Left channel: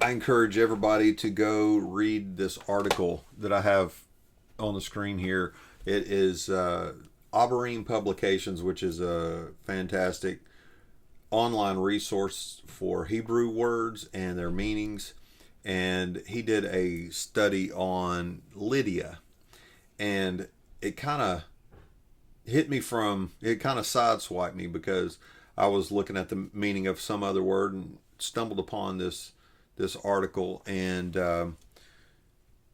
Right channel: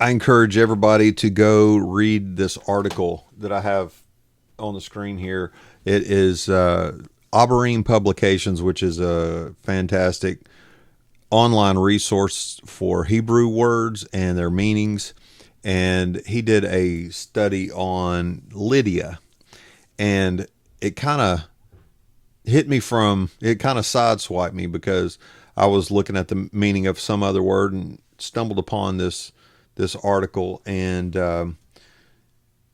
I encourage everybody to go read this article that I have on the screen here. It is Auberine Publications, which is a fantastic online resource for Hebrew words and their meanings. And he did a study on Lydia, and it kind of it kind of sideswiped me because I was looking at the meaning of some other word and stumbled upon this article, and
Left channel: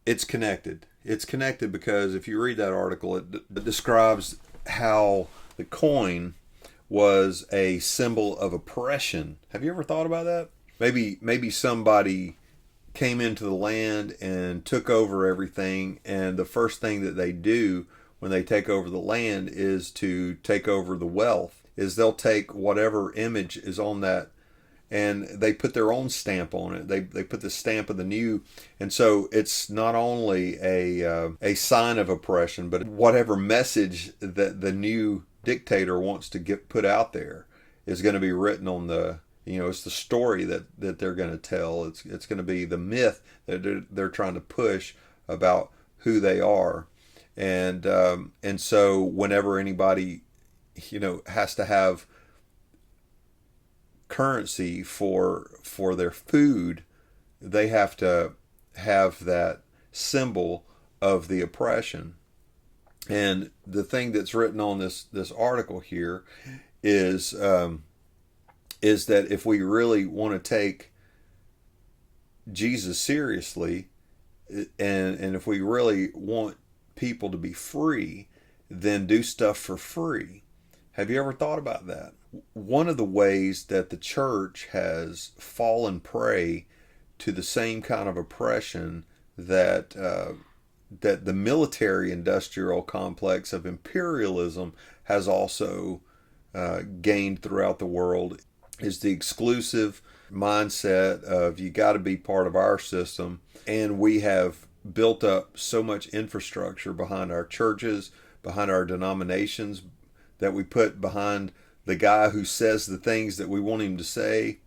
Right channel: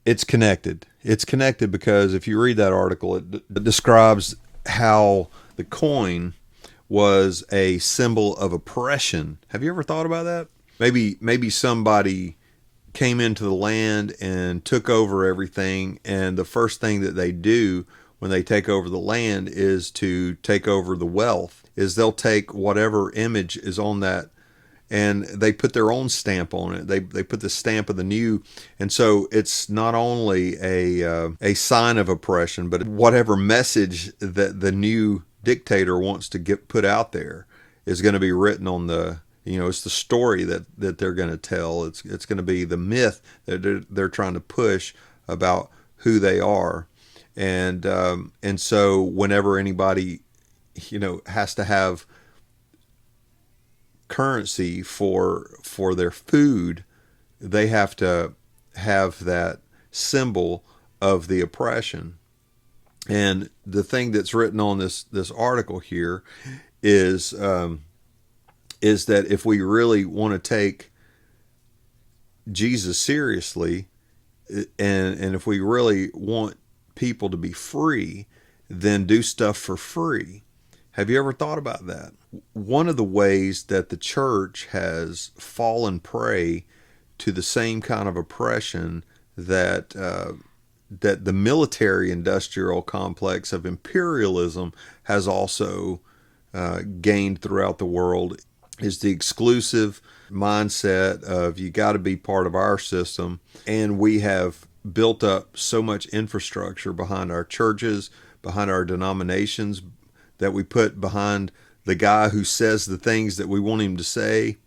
it's connected. It's connected because if you read that article, it describes how the coin was a symbol of oppression. Have you ever thought about that? Maybe somebody came into the land and took over everything, and the first thing that they do when they take over the land is to take over the wealth. Is they'll take whatever image is on that, and they put their own stamp on it. They put the stamp of the new, and so it's not only a sign of oppression, but whatever message that the new dictator wants to get put out there is going to be written on the. It's the story that they're going to tell. It's going to be the myth that they're trying to push about who they are, and so whenever anybody has to have currency for their food, they have to have that symbol of the oppression. And the thing that's written on this article here is is that if we really want to take Jesus seriously, and if we really want people to be free, then do stuff for free. Have you ever thought about that? One of the ways that the church has fallen prey to the same kind of oppression that the military industrial complex of imperialism has also gained throughout the world is the exclusive mindset of you got to be part of our system. And we have built up so much infrastructure behind our churches, behind our denominations, that we put behind the guy who says the things that we want him to say,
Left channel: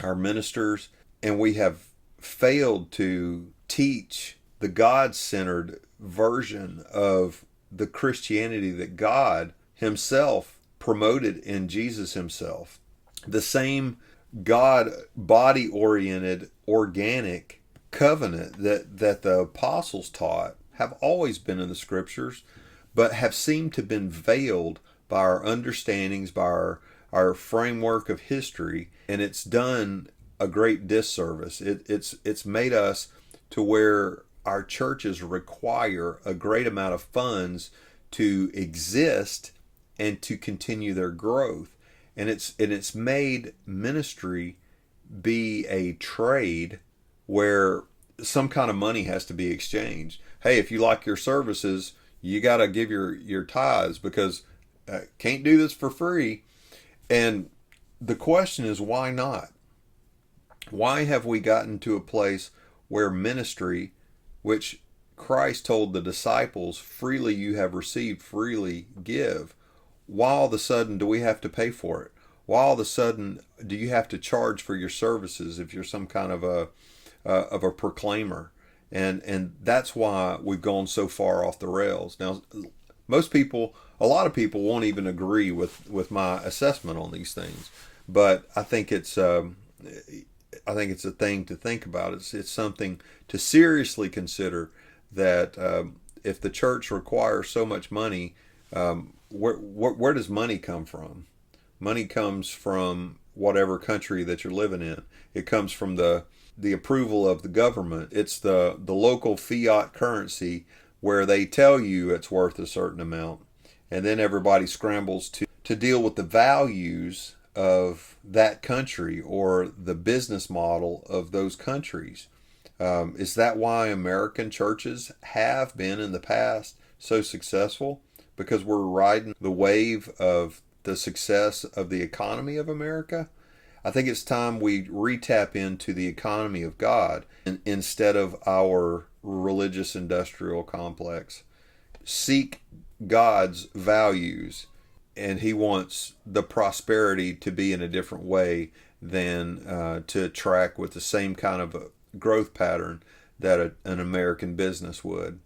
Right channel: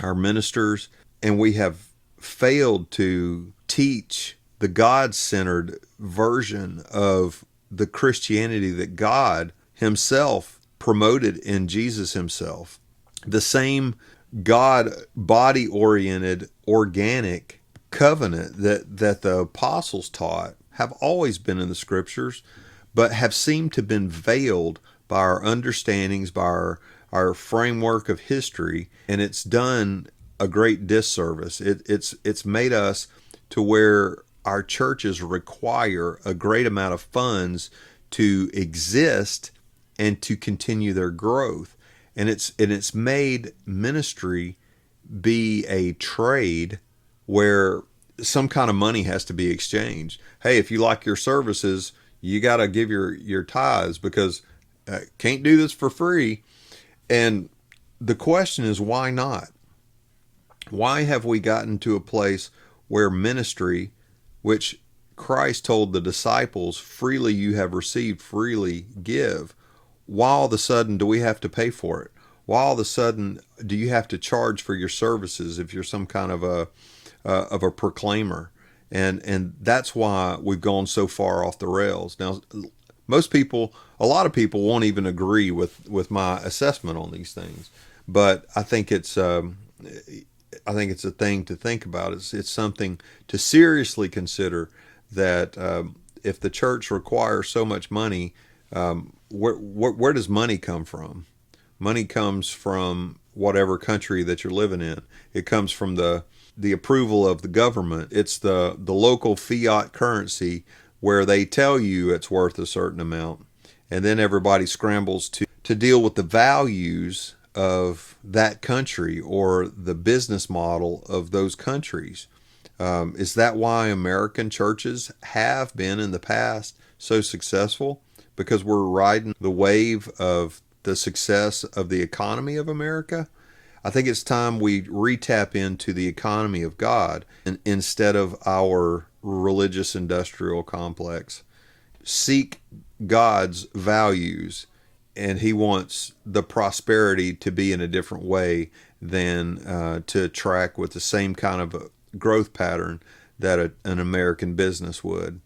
our ministers, and we have failed to teach the God-centered version of the Christianity that God himself promoted in Jesus himself. The same God body oriented organic covenant that the apostles taught have always been in the scriptures, but have seemed to have been veiled by our understandings, by our framework of history, and it's done a great disservice. It's made us to where our churches require a great amount of funds to exist and to continue their growth. And it's made ministry be a trade where some kind of money has to be exchanged. Hey, if you like your services, you got to give your tithes, because can't do this for free. And the question is, why not? Why have we gotten to a place where ministry, which Christ told the disciples, freely you have received, freely give, why all of a sudden do we have to pay for it? Why all of a sudden do you have to charge for your services if you're some kind of a proclaimer? And that's why we've gone so far off the rails. Now, a lot of people won't even agree with my assessment on these things, but I think it's a thing to think about. It's something to seriously consider, that if the church requires so much money, where does money come from? Money comes from whatever country that you're living in. It comes from the approval of the government. It's the local fiat currency where they tell you it's worth a certain amount. And then everybody scrambles to deal with the values of that country or the business model of those countries. Is that why American churches have been in the past so successful? Because we're riding the wave of the success of the economy of America? I think it's time we re-tap into the economy of God instead of our religious industrial complex. Seek God's values and he wants the prosperity to be in a different way than to track with the same kind of growth pattern that an American business would.